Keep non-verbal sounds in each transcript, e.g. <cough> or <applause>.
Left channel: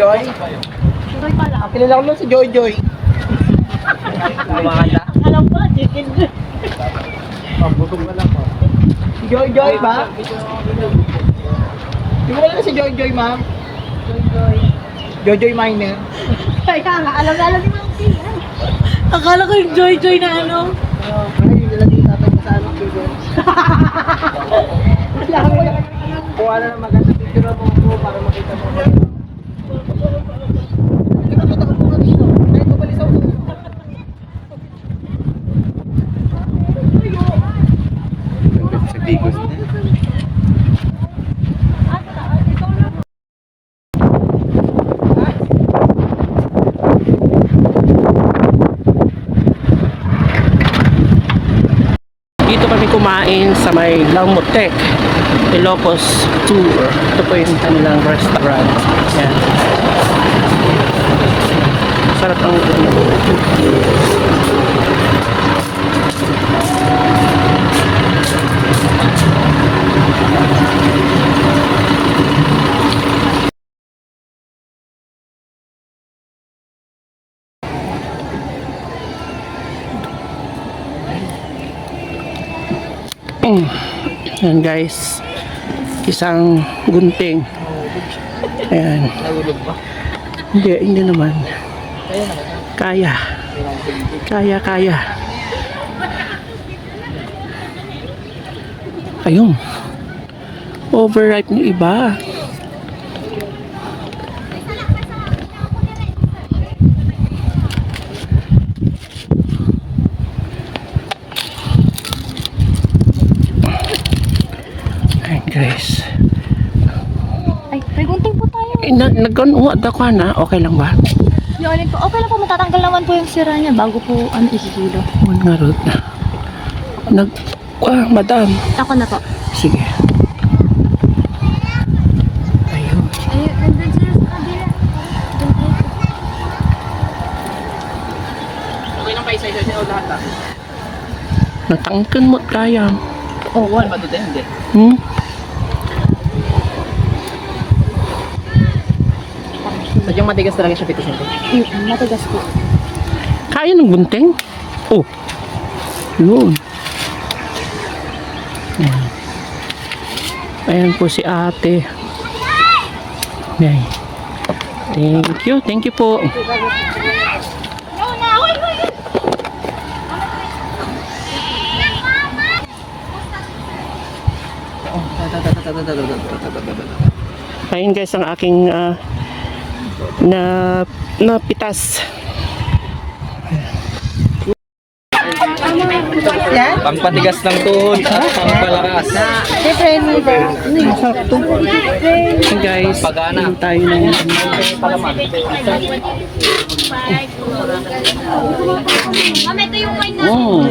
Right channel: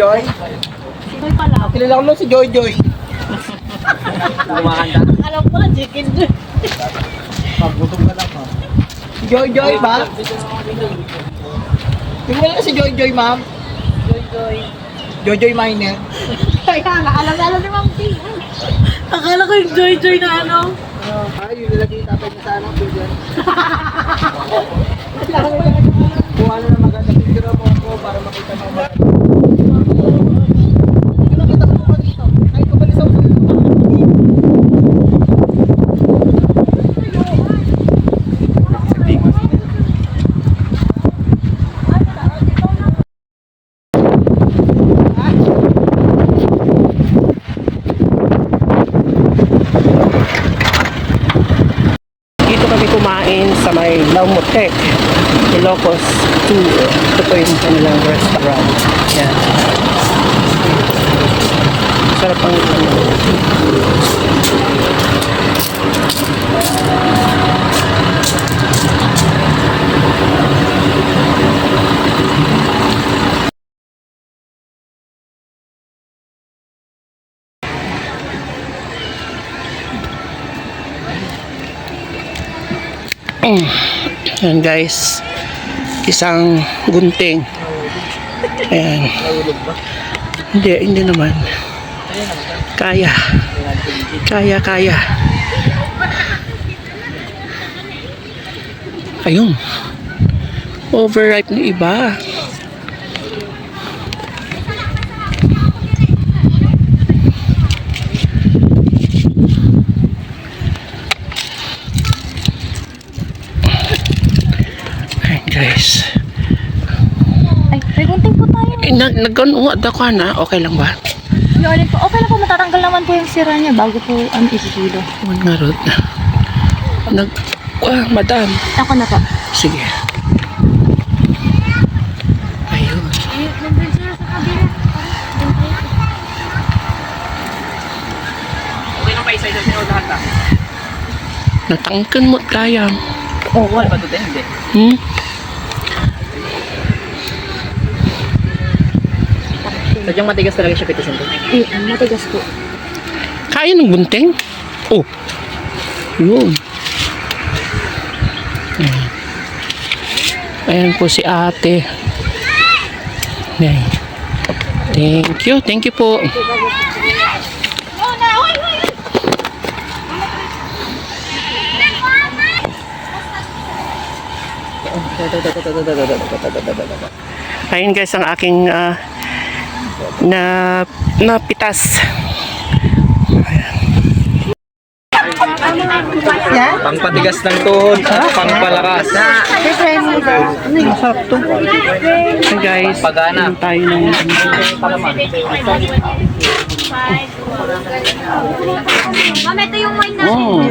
Joy? Joy pala. Kilala ko lang si Joy Joy. Lumakanda. Alam ko lang, chicken. Pagbutom ka lang pa. Si Joy Joy ba? Hindi mo na si Joy Joy, ma'am. Joy, joy. Joy Joy Miner. Kaya nga, alam na alam ni Ma'am T. Akala ko yung joy, joy na ano. Ay, yung nilagay niya sa anong bigyan. Kuha na ng maganda picture mo ko para makita mo. Nakita ko po dito. Kahit mabalisaw ko. Dito kami kumain sa may Laumotec, Ilocos Tour. Ito po yung kanilang restaurant. Yan. Sarap ang Yan guys. Isang gunting. Ayan. Hindi, hindi naman. Kaya. Kaya, kaya. Ayun. Overripe ng iba. Ayan guys. Ay, may gunting po tayo. Eh, nag nagkanuha ako na. Okay lang ba? Yun po. Okay lang po, matatanggal naman po yung sira niya bago po ano isikilo. One nga rod na. Nag... Ah, madam. Ako na po. Sige. Ayun. Ay, nandun sila sa kabila. Doon tayo. Natangkan mo kaya. Oo, wala pa dito. Hindi. Hmm? Sadyang matigas talaga siya petition ko. Mm, matigas po. Kaya ng gunting? Oh. Yun. Ayan. Ayan po si ate. Ayan. Thank you. Thank you po. Ayun guys ang aking ah, na napitas. Pangpatigas lang to, pangpalakas. Ayun guys, Pagana. tayo ng. Oh.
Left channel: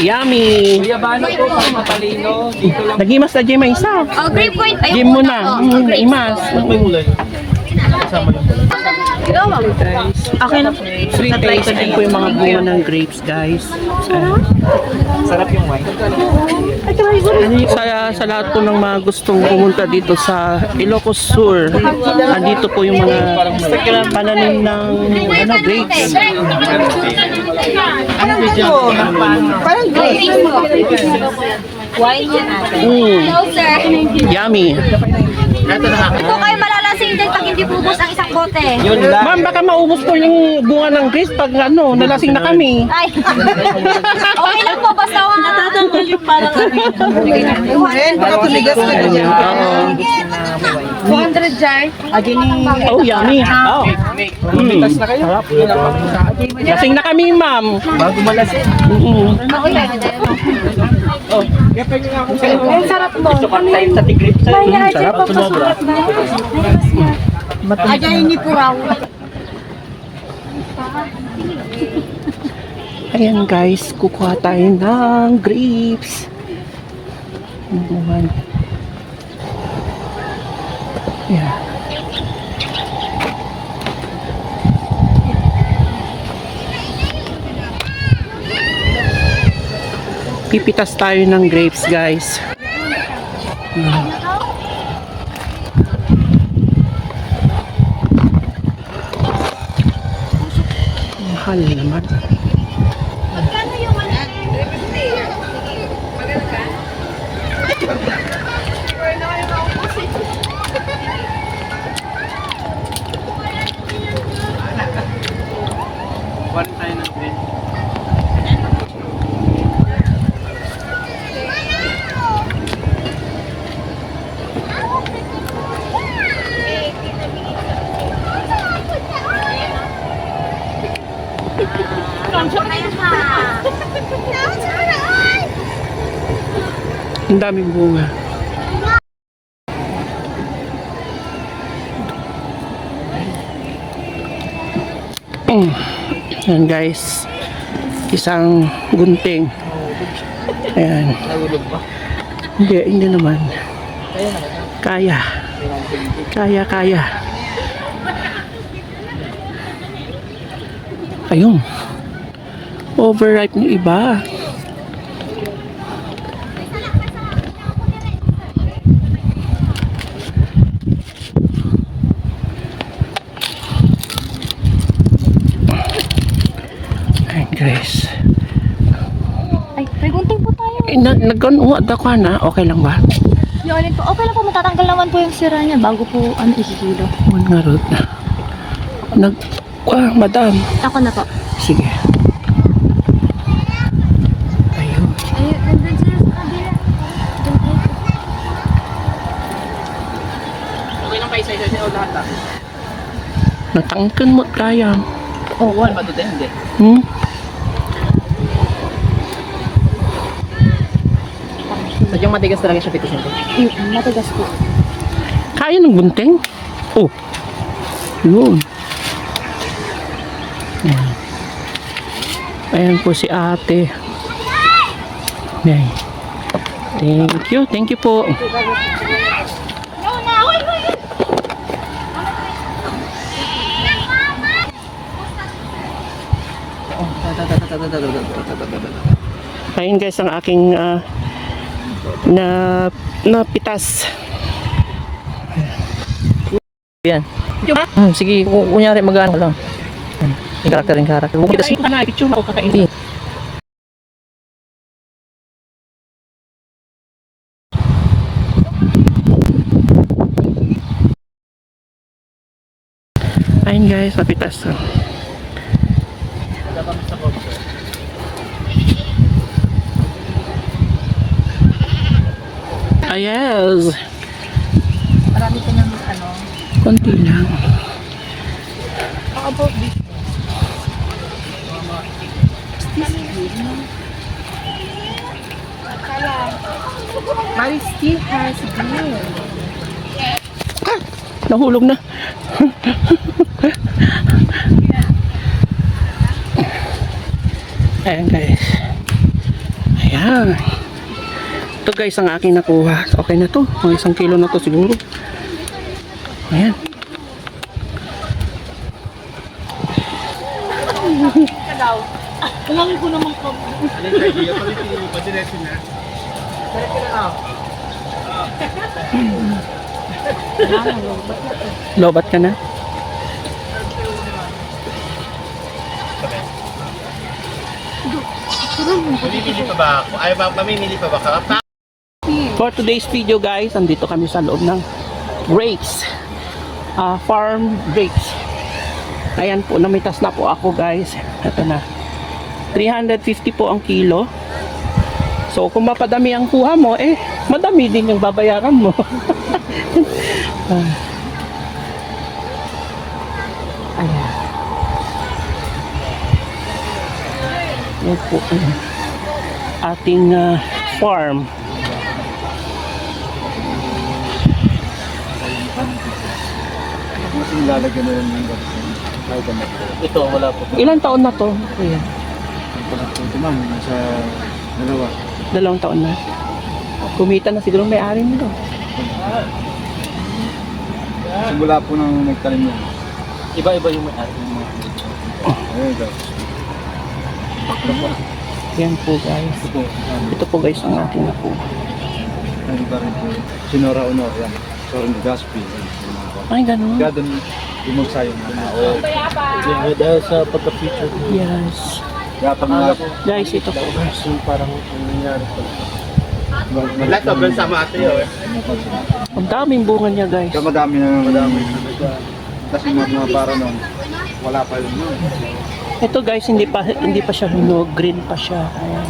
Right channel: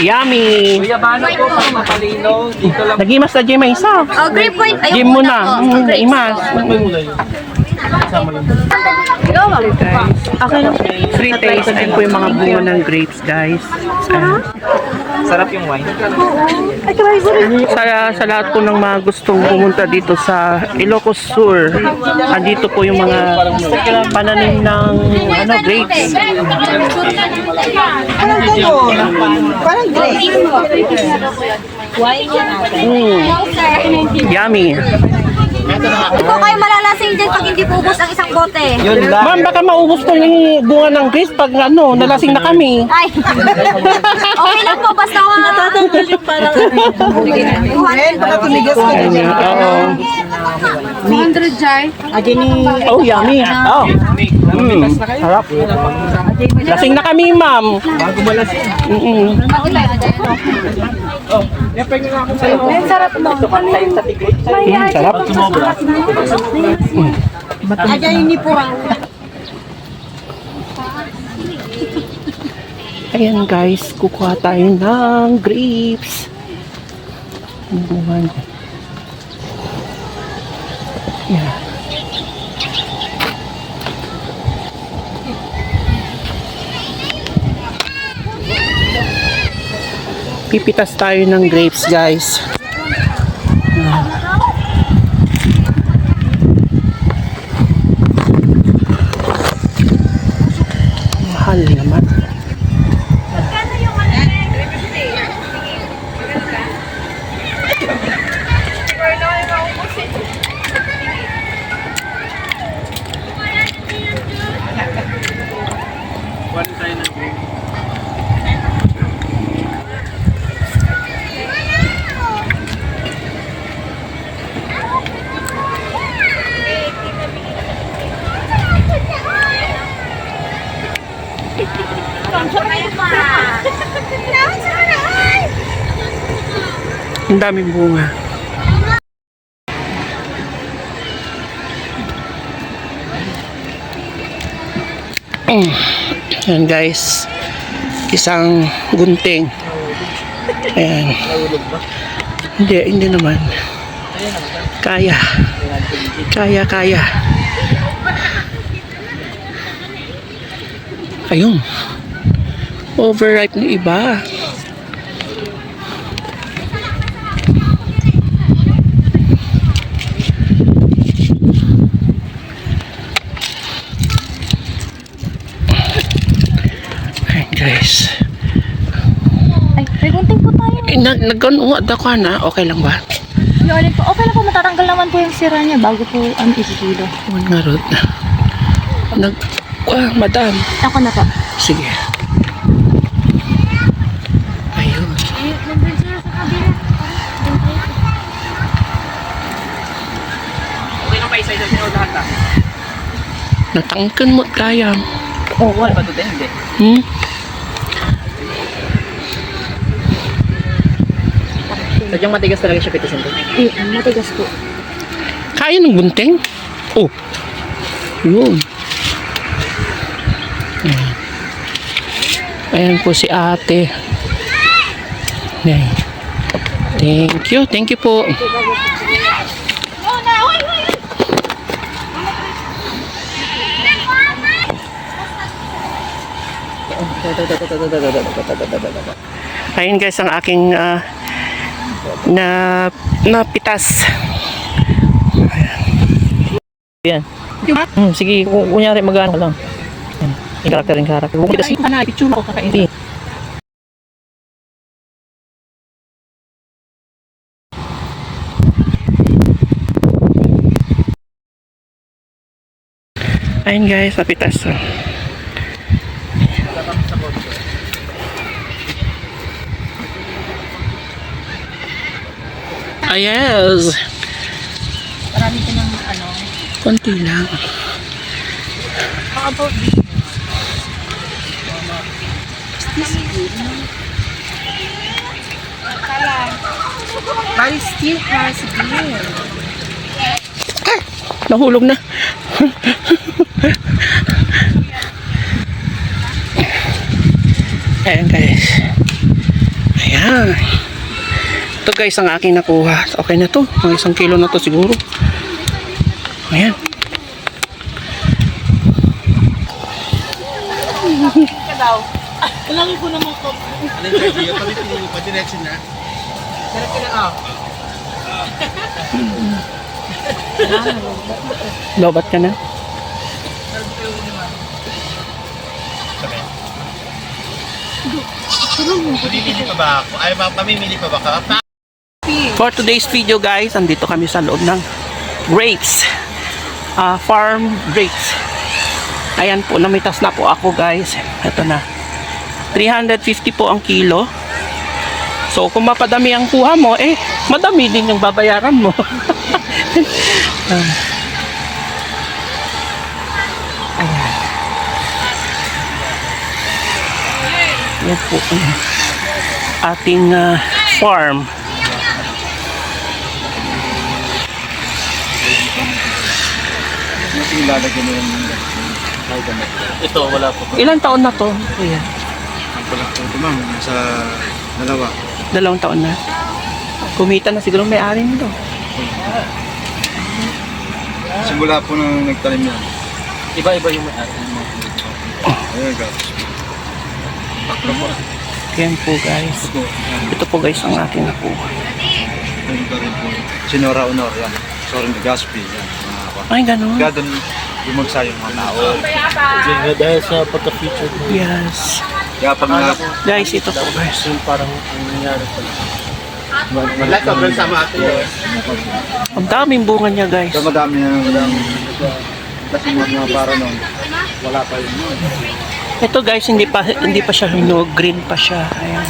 Yummy. Kuya Bano po, pang matalino. Dito lang. Nagimas na Jay may isa. Oh, grape wine. Ayun Game mo na. Mm, Naimas. Ikaw, ma'am. Guys, Okay lang. free taste. Ayun po yung mga bunga ng grapes guys. Ayan. Sarap yung wine. Sa, sa lahat po ng mga gustong pumunta dito sa Ilocos Sur, andito po yung mga pananim ng ano, grapes. Parang grape. Wine yan ate. Mm, yummy. Hindi po kayo malalasing dyan pag hindi pubos ang isang bote. Yun lang. Ma'am, baka maubos po yung bunga ng grapes pag ano, nalasing na kami. Ay. <laughs> okay lang po, basta ako natatanggal yung parang Oo. 200 jar. Oh, yummy. Oh. Mm. Sarap. Lasing na kami, ma'am. Bago malasing. Mm-mm. Ang sarap mo. Mm, sarap. Aja ini po raw. Ayan guys, kukuha tayo ng grapes. Buwan. Yeah. Pipitas tayo ng grapes guys. Mahal naman. One Ang daming bunga. Mm. Yan guys. Isang gunting. Ayan. Hindi, hindi naman. Kaya. Kaya, kaya. Ayun. Overripe ng iba. Ayan guys. Ay, may gunting po tayo. Eh, na, nagkanuwa ako na. Okay lang ba? Yun po. Okay lang po, matatanggal naman po yung sira niya bago po ano isisulo. One nga rod. Nag... Ah, madam. Ako na po. Sige. Ayun. Ayun, nandun sila sa kabila. Diyan tayo. Natangkan mo kaya. Oo, wala pa dito hindi. Hmm? Sadyang matigas talaga siya pitisin ko. Mm, matigas po. Kaya ng gunting? Oh. Yun. Ayan po si ate. Ayan. Thank you. Thank you po. Ayun guys ang aking ah, na napitas. Yan. Hmm, sige, ku- kunyari magano lang. Yung karakter yung karakter. Bukod kasi, ka na, itsura ko kakainin. Ayun guys, napitas. Ayes. Marami ka ng ano. Konti lang. How about this? But it still has beer. Nahulog na. <laughs> Ayan guys. Ayan. Ito guys ang aking nakuha. Okay na to. Mga isang kilo na to siguro. Ayan. Alin sa iyo? Kami pinili pa diretso na. Diretso na ah. Lobat ka na. Mamimili pa ba ako? Ay, mamimili pa ba ka? For today's video guys, andito kami sa loob ng grapes. Ah, farm grapes. Ayan po, namitas na po ako guys. Ito na. 350 po ang kilo. So, kung mapadami ang kuha mo, eh, madami din yung babayaran mo. <laughs> Yan po ang ating ah, farm. Ito, wala po. Ilan taon na to? Kuya? Wala po ito ma'am, nasa dalawa. Dalawang taon na. Kumita na siguro may-ari nito. Simula po nang nagtanim yan. Iba-iba yung may-ari ng mga Ayun, go. Yan po guys. Ito po, yan. Ito po guys ang akin po. Ayun ka rin po. Sinora Honor, yan. Sorin de Gaspi, yan. Ako. Ay, ganun. Kaya doon lumagsa yung mga tao. Dahil sa pagka-feature ko, Yes. Kaya pag mga Guys, ito po guys. yung parang ang nangyari pa. Ang daming bunga niya guys. kaya madami yung kasi mga mga para noon, wala pa yun noon. Ito guys, hindi pa hindi pa siya hinog. Green pa siya. Ayan.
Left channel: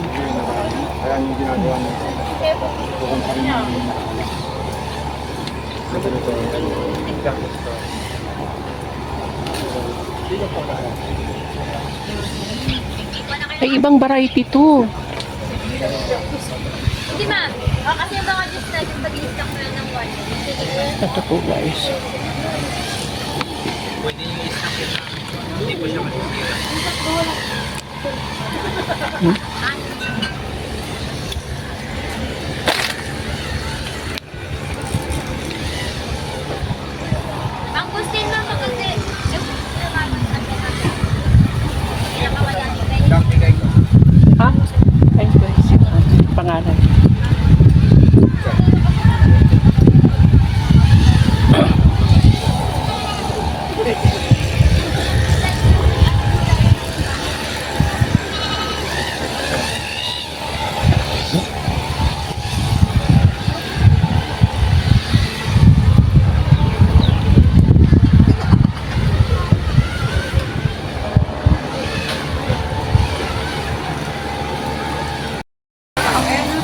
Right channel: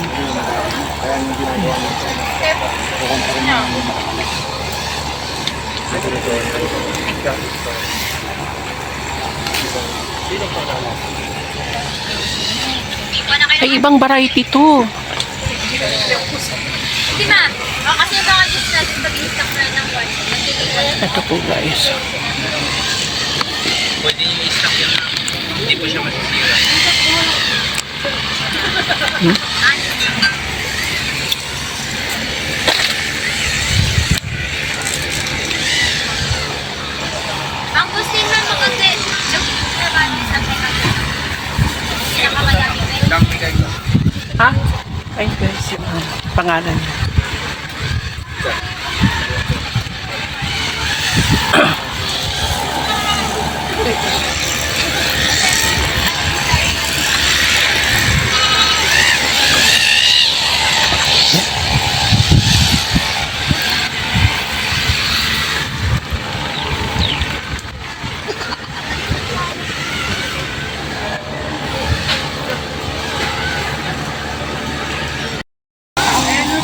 Ay, ibang variety to. Hindi ma. Oh, kasi yung mga juice natin pag-stock na ng one. Ito po guys. Ang gusto na maganda. Pinakamadami. Ha? Ay guys, pangalan.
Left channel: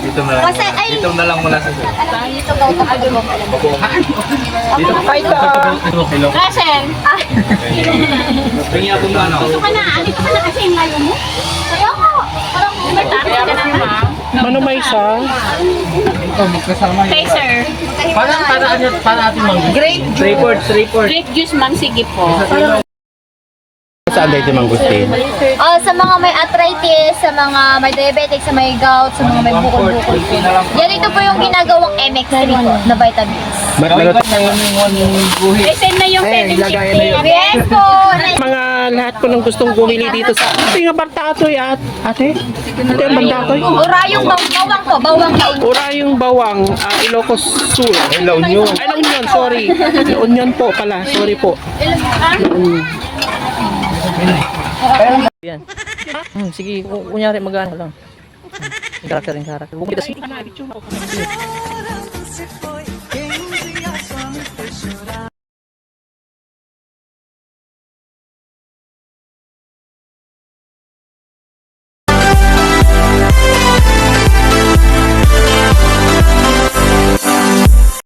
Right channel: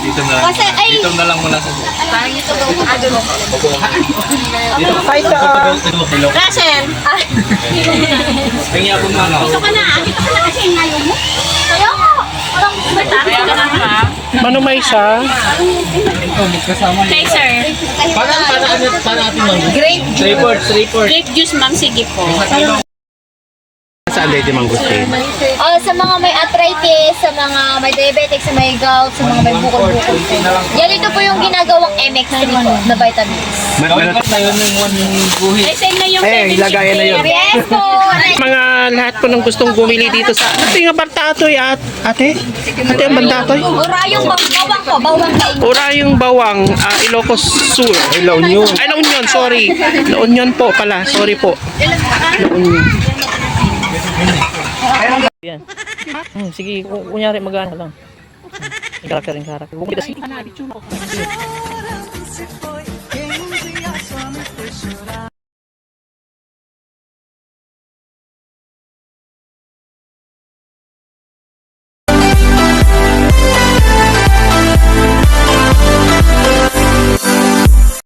Dito na lang. Kasi, ay, Dito na lang muna sa parang dito ba? Dito Hi guys! Hello. Russell. Ah, Tingin ako na ano. dito ka na. Dito ka na kasi yung layo mo. Ayoko. Walang kumita. Manumay siya. Ito, magkasama yun. Sir. Para, para, ano, para ating mga. Grape juice. Report, report. Grape juice, ma'am. Sige po. Saan dito mangustin? Ah, sa mga may arthritis, sa mga may diabetic, sa may gout, sa mga may bukol-bukol po. Yan ito po yung ginagawang MX3 po na vitamins. Na yung guhit. Send na yung Eh, ilagayan na yun. Yes po. Mga lahat po ng gustong bumili dito sa... Ito yung bantatoy at... Ate? Ate ang bantatoy? Ura yung baw- bawang po, bawang kain. Ura yung bawang, ah, Ilocos Sur. Ay, La Union. Ay, La Union, sorry. La Union po pala, sorry po. Yan. Hmm, sige, kunyari mag-ano lang. Character in character. Bukit kasi. Ano,